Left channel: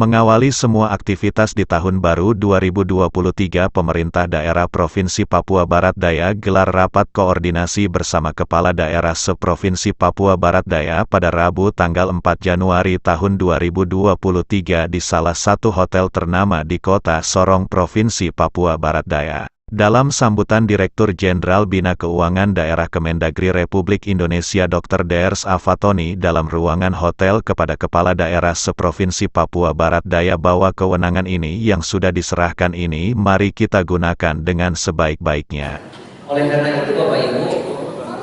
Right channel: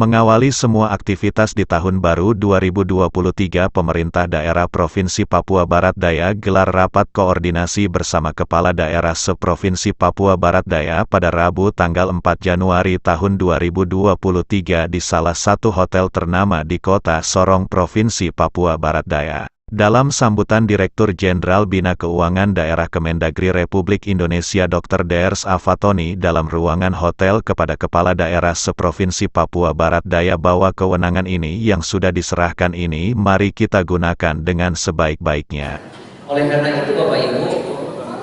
Mengawali semua aktivitas di tahun baru 2023, pemerintah daerah Provinsi Papua Barat Daya gelar rapat koordinasi bersama Kepala Daerah Seprovinsi Papua Barat Daya pada Rabu tanggal 4 Januari tahun 2023 di salah satu hotel ternama di Kota Sorong, Provinsi Papua Barat Daya. Dalam sambutan Direktur Jenderal Bina Keuangan Daerah Kemendagri Republik Indonesia Dr. Ders Afatoni dalam ruangan hotel kepada Kepala Daerah Seprovinsi Papua Barat Daya bahwa kewenangan ini yang sudah diserahkan ini mari kita gunakan dengan sebaik-baiknya. Oleh karena itu Bapak Ibu,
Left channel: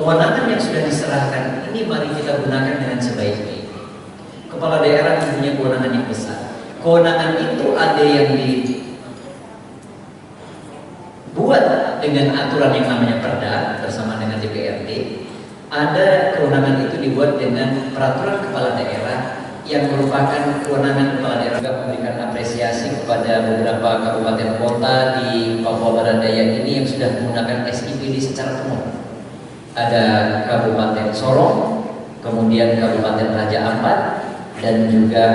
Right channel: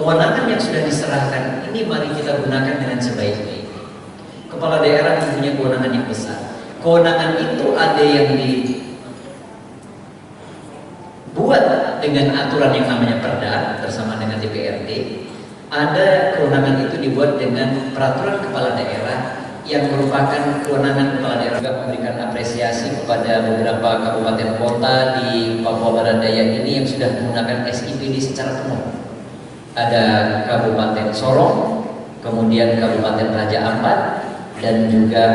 kewenangan yang sudah diserahkan ini mari kita gunakan dengan sebaik-baiknya. Kepala daerah mempunyai kewenangan yang besar. Kewenangan itu ada yang dibuat dengan aturan yang namanya Perda bersama dengan DPRD. Ada kewenangan itu dibuat dengan peraturan kepala daerah yang merupakan kewenangan kepala daerah. Juga memberikan apresiasi kepada beberapa kabupaten kota di Papua Barat Daya ini yang sudah menggunakan SIPD secara penuh. Ada Kabupaten Sorong, kemudian Kabupaten Raja Ampat, dan juga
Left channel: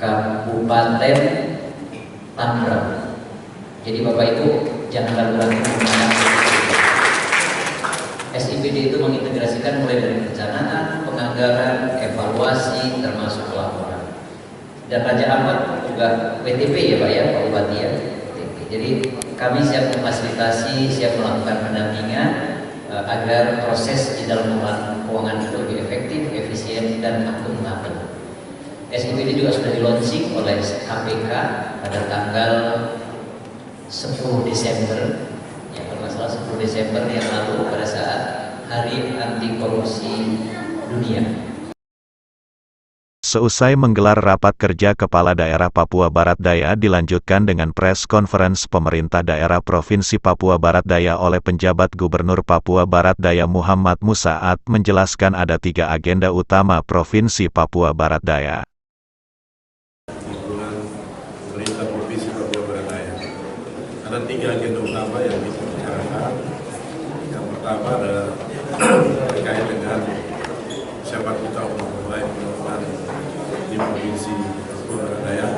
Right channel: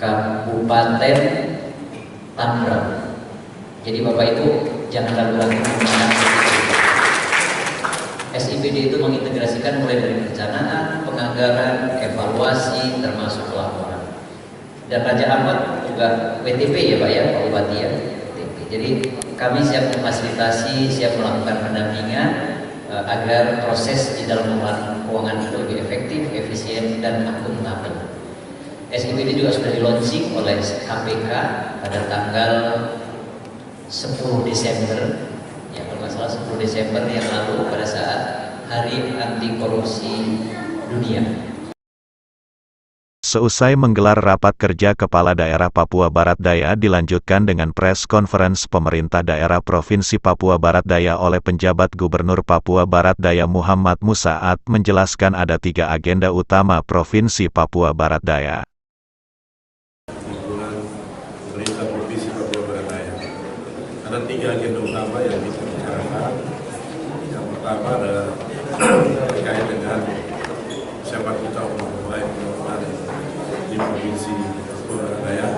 Kabupaten Tangerang. Jadi Bapak Ibu jangan ragu-ragu menggunakan SIPD itu mengintegrasikan mulai dari perencanaan, penganggaran, evaluasi, termasuk pelaporan. Dan Raja Ampat juga WTP ya Pak ya, Pak Bupati ya, WTP. Jadi kami siap memfasilitasi, siap melakukan pendampingan agar proses di dalam pengelolaan keuangan itu lebih efektif, efisien, dan akuntabel. SIPD juga sudah di-launching oleh KPK pada tanggal 10 Desember, ya kalau nggak salah 10 Desember yang lalu pada saat Hari Anti Korupsi Dunia. Seusai menggelar rapat kerja Kepala Daerah Papua Barat Daya dilanjutkan dengan press conference Pemerintah Daerah Provinsi Papua Barat Daya oleh penjabat Gubernur Papua Barat Daya Muhammad Musaat menjelaskan ada 3 agenda utama Provinsi Papua Barat Daya. Ada 3 agenda utama yang bisa dibicarakan. Yang pertama adalah terkait dengan siapa kita memulai pembangunan di Provinsi Papua Barat Daya.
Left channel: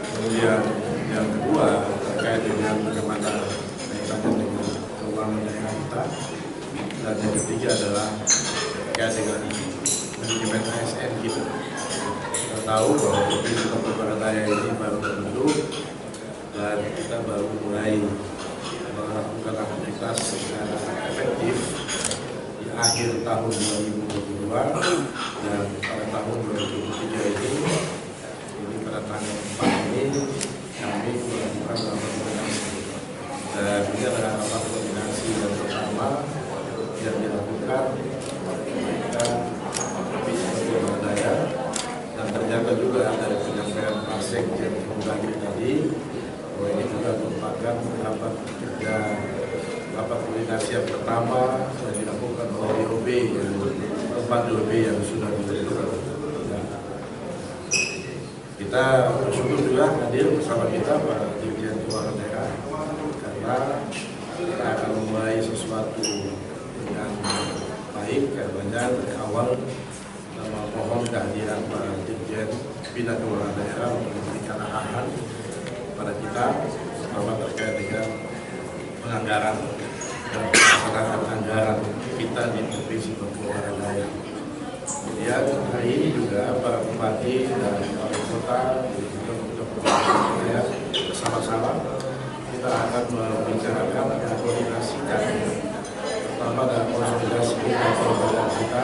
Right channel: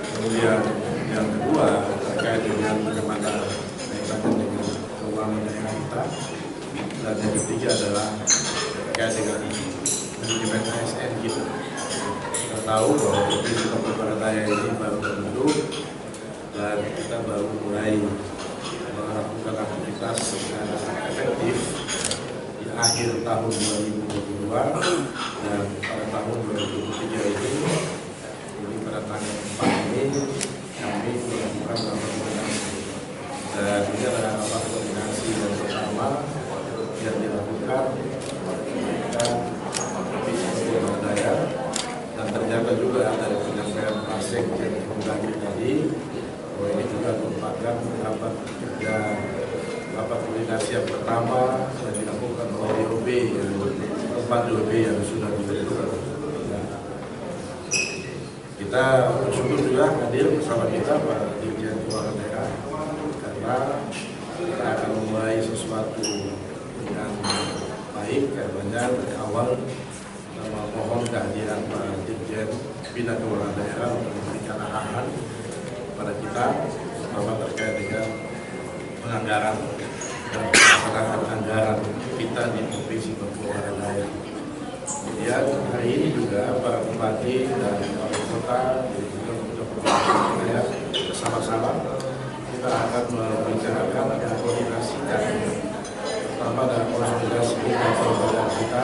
Kemudian yang kedua terkait dengan bagaimana kaitannya dengan keuangan daerah kita. Dan yang ketiga adalah terkait dengan manajemen ASN kita. Kita tahu bahwa Provinsi Papua Barat Daya ini baru terbentuk dan kita baru mulai melakukan aktivitas secara efektif di akhir tahun 2022 dan pada tahun 2023 ini pada tanggal 4 ini kami melakukan rapat koordinasi dan ini adalah rapat koordinasi yang pertama yang dilakukan ketika Provinsi Papua Barat Daya dan ternyata juga dari penyampaian Pak Sekjen Kemendagri tadi bahwa ini juga merupakan rapat kerja, rapat koordinasi yang pertama yang dilakukan oleh DOB yang 4 DOB yang sudah dibentuk. Ya. Kita bersyukur juga hadir bersama kita Pak Dirjen Keuangan Daerah karena kita akan memulai sesuatu dengan baik karena dari awal kita mohon kehadiran Pak Dirjen Bina Keuangan Daerah untuk memberikan arahan pada kita terutama terkait dengan penganggaran dan pelaksanaan anggaran kita di Provinsi Papua Barat Daya. Kemudian hari ini juga para bupati dan wali kota juga bersama-sama kita akan membicarakan dan koordinasikan pertama dalam konsolidasi program kita.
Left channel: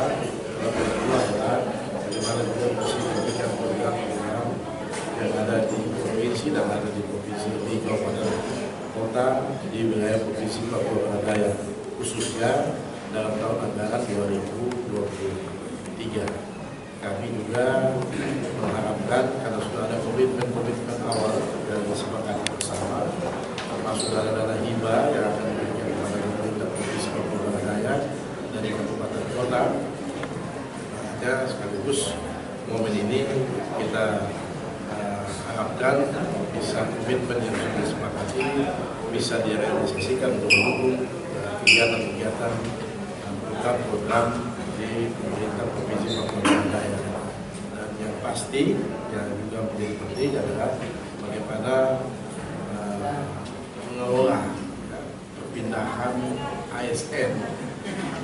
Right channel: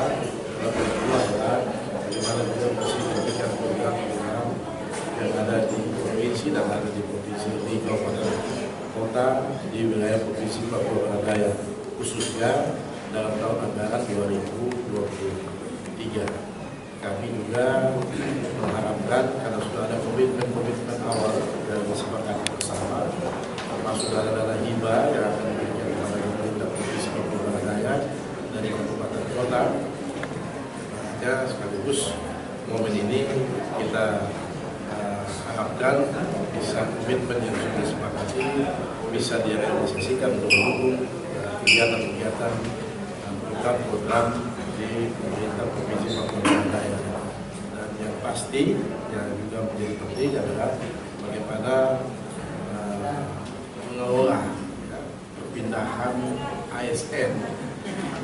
Dan kedua adalah bagaimana kita mesti memberikan program-program yang ada di provinsi dan ada di provinsi di kabupaten kota di wilayah Provinsi Papua Barat Daya khususnya dalam tahun anggaran 2023. Kami juga mengharapkan karena sudah ada komitmen awal yang disepakati bersama termasuk dana hibah yang akan diberikan kepada pemerintah Provinsi Papua Barat Daya dari kabupaten kota. Makanya sekaligus momen ini kita harapkan bisa komitmen yang sudah disepakati bisa direalisasikan untuk mendukung kegiatan-kegiatan program-program di pemerintah Provinsi Papua Barat Daya. Dan yang pasti yang juga menjadi penting adalah bagaimana mengelola perpindahan ASN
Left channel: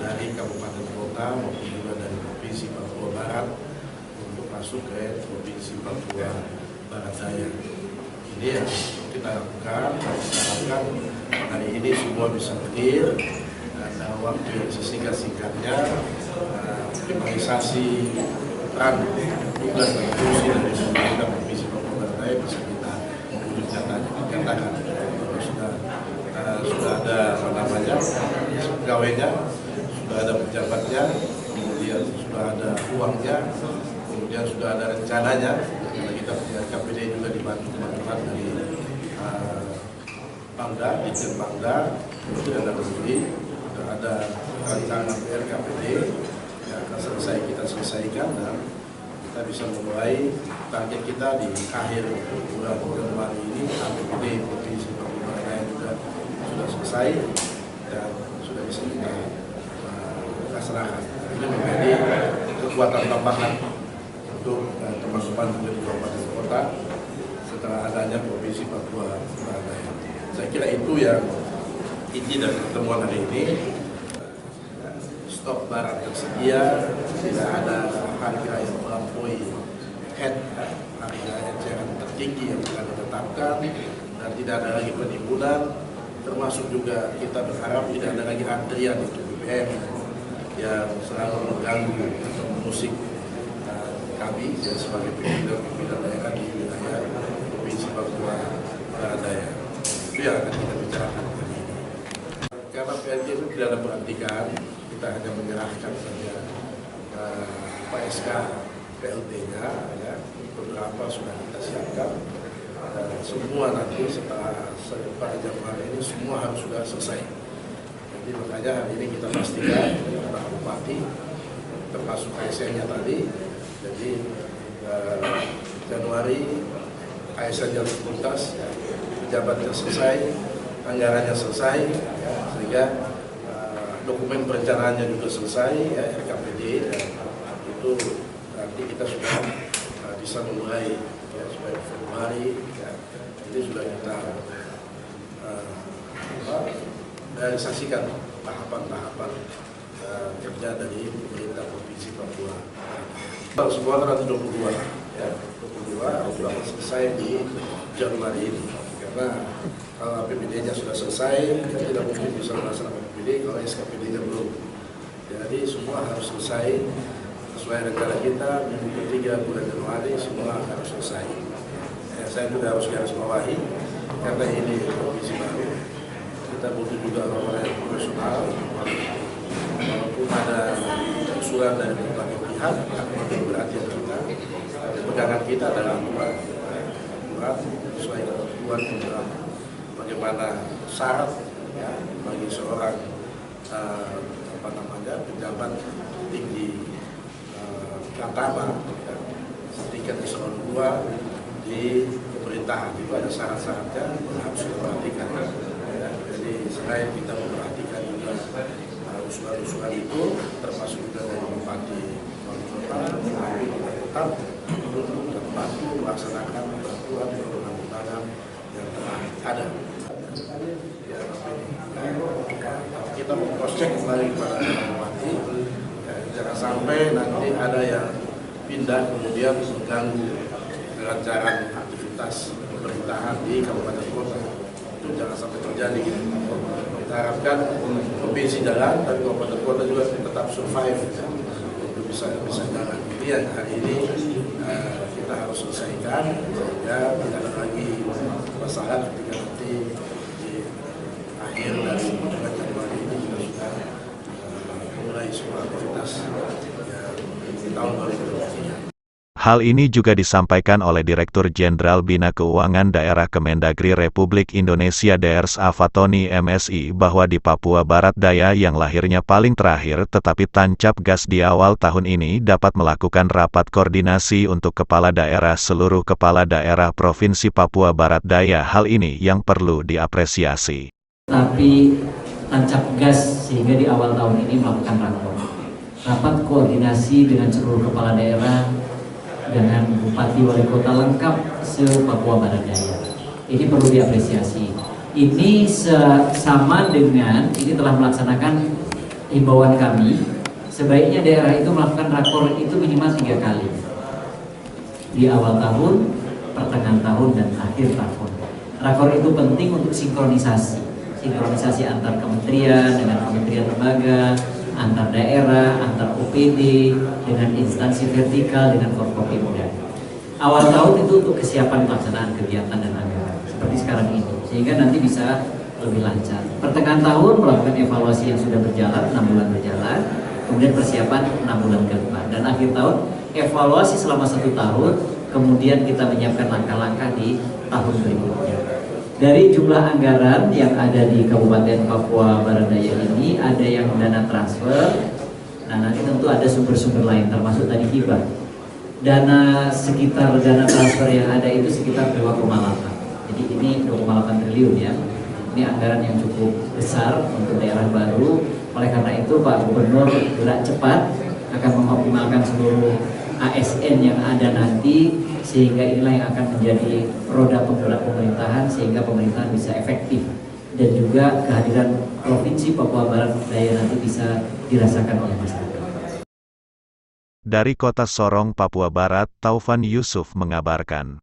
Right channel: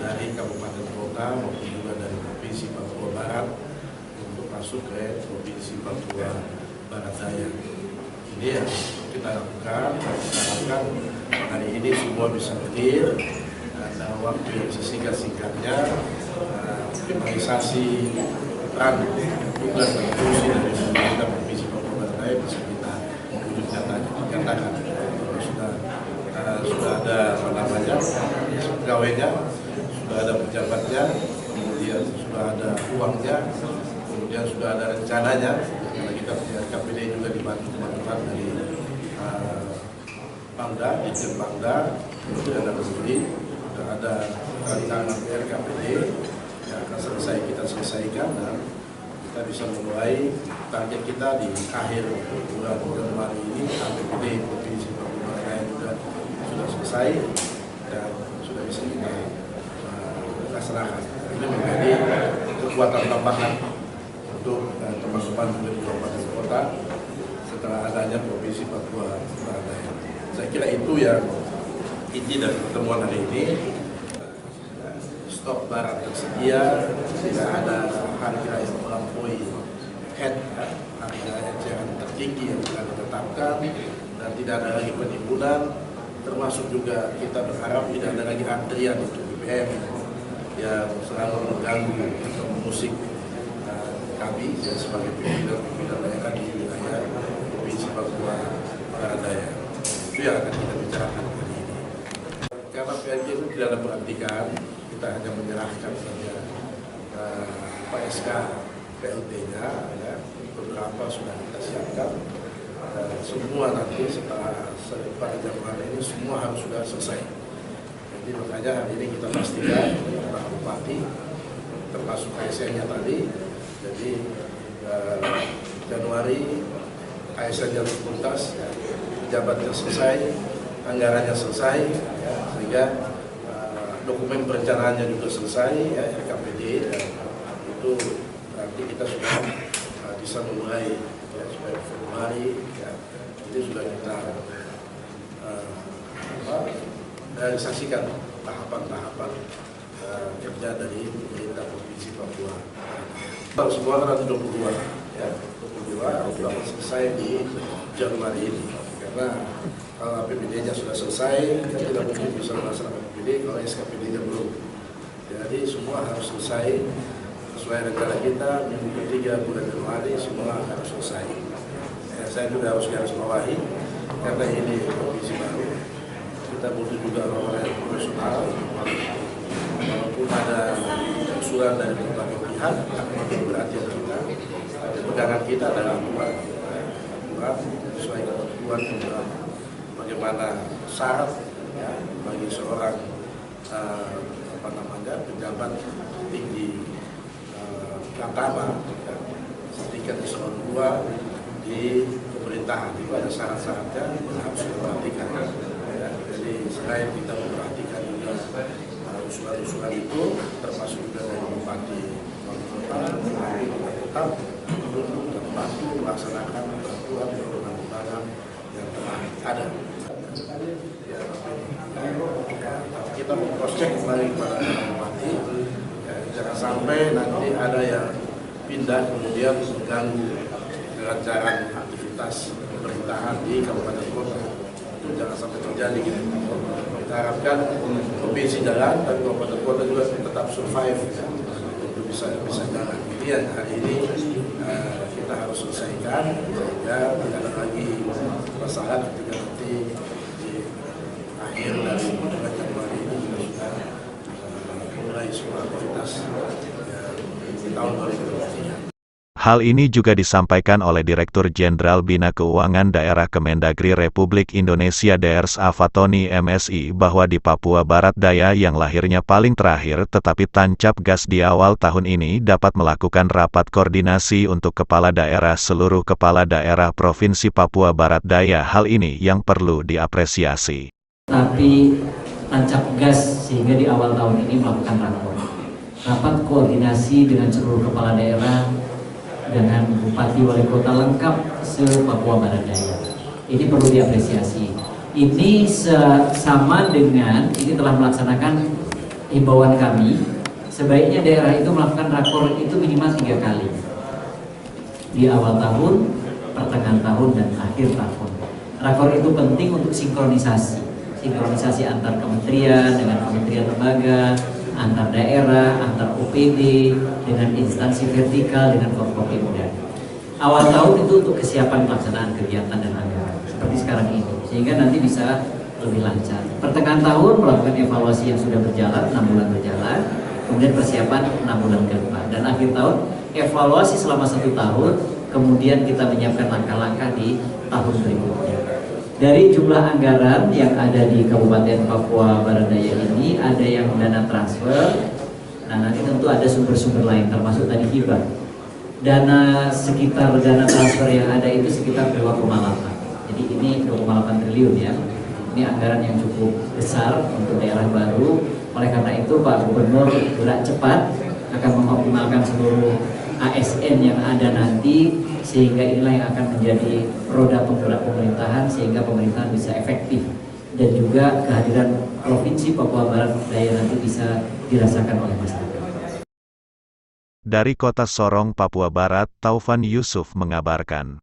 dari kabupaten kota maupun juga dari provinsi Papua Barat untuk masuk ke provinsi Papua Barat Daya. Ini yang kita lakukan. Kita harapkan hari ini semua bisa clear dan dalam waktu yang sesingkat-singkatnya optimalisasi peran tugas dan fungsi dari pemerintah provinsi Papua Barat Daya bisa kita wujud nyatakan. Sudah ada pegawainya, sudah ada pejabatnya, kemudian sudah ada uangnya, kemudian sudah ada rencananya. Karena kita punya KPD juga dibantu teman-teman dari Pangda, Dirjen Pangda, kemudian ada sudah ada rancangan RKPD yang akan kita selesaikan dan kita bisa memulai target kita di akhir bulan Januari ini. APBD Provinsi Papua Barat Daya juga sudah selesai dan sudah bisa kita laksanakan. Ini menjadi kekuatan tambahan untuk teman-teman juga di kabupaten kota setelah adanya Provinsi Papua Barat Daya. Saya kira itu yang inti dari pertemuan hari ini. Stok barang tersedia, tidak ada harga yang melampaui harga eceran tertinggi yang telah ditetapkan, dan tidak ada lagi penimbunan. Termasuk juga kita berharap tidak ada lagi antrian untuk BBM yang selalu mengganggu atau mengusik kami sebagai pimpinan daerah di wilayah Provinsi Papua Barat Daya. Itu yang akan kita bicarakan hari ini. Karena PLG itu tidak ada pelantikan, kita hanya menyerahkan saja PSK PLT-nya, ya. Beberapa sudah kita siapkan. Semua nanti setelah pada Januari ini semua harus sudah selesai. Jadi makanya hari ini kita pastikan Pak Bupati termasuk ASN-nya tadi. Jadi Januari ASN-nya tuntas, pejabatnya selesai, anggarannya selesai, ya, sehingga dokumen perencanaannya juga selesai, ya, RKPD, dan itu nanti kita sudah bisa memulai ya, supaya Februari, ya, ini sudah kita realisasikan tahapan-tahapan kerja dari pemerintah Provinsi Papua. Semua nanti 22, ya, 22 sudah selesai di Januari ini. Karena kalau APBD-nya sudah selesai, kita tidak mungkin bisa melaksanakan APBD kalau SKPD-nya belum. Jadi semua harus selesai sesuai rencana kita, minggu ketiga bulan Januari semua harus selesai. Ya, saya juga harus garis bawahi karena ini provinsi baru. Kita butuh juga orang-orang yang profesional. Walaupun ada usulan dari berbagai pihak, bukan berarti kita. Pegangan kita adalah aturan sesuai ketentuan tentang bagaimana syarat, ya, bagi seorang pejabat tinggi Pratama, ya, setingkat eselon 2 di pemerintahan. Itu ada syarat-syaratnya yang harus diperhatikan. Ya, jadi selain kita memperhatikan juga usulan-usulan itu, termasuk juga dari Bupati Wali Kota, tetap untuk membantu melaksanakan peraturan perundang-undangan yang telah ada. Ya, kita mengcross-check kembali kepada Bupati, ya, jangan sampai nanti ada yang pindah kemudian mengganggu kelancaran aktivitas pemerintahan di kabupaten kota. Itu jangan sampai terjadi gitu. Kita harapkan provinsi jalan, tapi kabupaten kota juga tetap survive, ya, untuk bisa jalan. Ini yang hari ini kita harus selesaikan sehingga tidak ada lagi masalah ketika nanti di akhir dari bulan Januari ini kita sudah mulai semua aktivitas di tahun 2023. Hal ini juga disampaikan oleh Direktur Jenderal Bina Keuangan Daerah Kemendagri Republik Indonesia Drs. Afatoni MSI bahwa di Papua Barat Daya yang lahirnya paling terakhir tetapi tancap gas di awal tahun ini dapat melakukan rapat koordinasi untuk kepala daerah seluruh kepala daerah Provinsi Papua Barat Daya. Hal ini yang perlu diapresiasi. Tapi tancap gas sehingga di awal tahun ini melakukan rapat koordinasi dengan seluruh kepala daerah dengan bupati wali kota lengkap se-Papua Barat Daya. Ini perlu diapresiasi. Ini sama dengan ini telah melaksanakan himbauan kami. Sebaiknya daerah itu melakukan rakor itu minimal 3 kali. Di awal tahun, pertengahan tahun, dan akhir tahun. Rakor itu penting untuk sinkronisasi antar kementerian dengan kementerian lembaga, antar daerah, antar OPD, dengan instansi vertikal, dengan Forkopimda. Awal tahun itu untuk kesiapan pelaksanaan kegiatan dan anggaran seperti sekarang ini, sehingga nanti bisa lebih lancar. Pertengahan tahun melakukan evaluasi yang sudah berjalan, 6 bulan berjalan, kemudian persiapan 6 bulan ke depan, dan akhir tahun evaluasi selama 1 tahun, kemudian kita menyiapkan langkah-langkah di tahun berikutnya. Dari jumlah anggaran yang ada di Kabupaten Papua Barat Daya ini, ada yang dana transfer, nah nanti tentu ada sumber-sumber lain, termasuk tadi hibah. Sekitar dana transfer yang ada itu sekitar 2,8. Jadi ini 2,8 triliun ya. Ini anggaran yang cukup besar untuk daerah baru. Oleh karena itu Pak Gubernur gerak cepat akan mengoptimalkan seluruh ASN yang ada nanti, sehingga inilah yang akan menjadi roda penggerak pemerintahan, sehingga pemerintahan bisa efektif dan juga kehadiran Provinsi Papua Barat Daya nanti bisa dirasakan oleh masyarakat. Dari Kota Sorong, Papua Barat, Taufan Yusuf mengabarkan.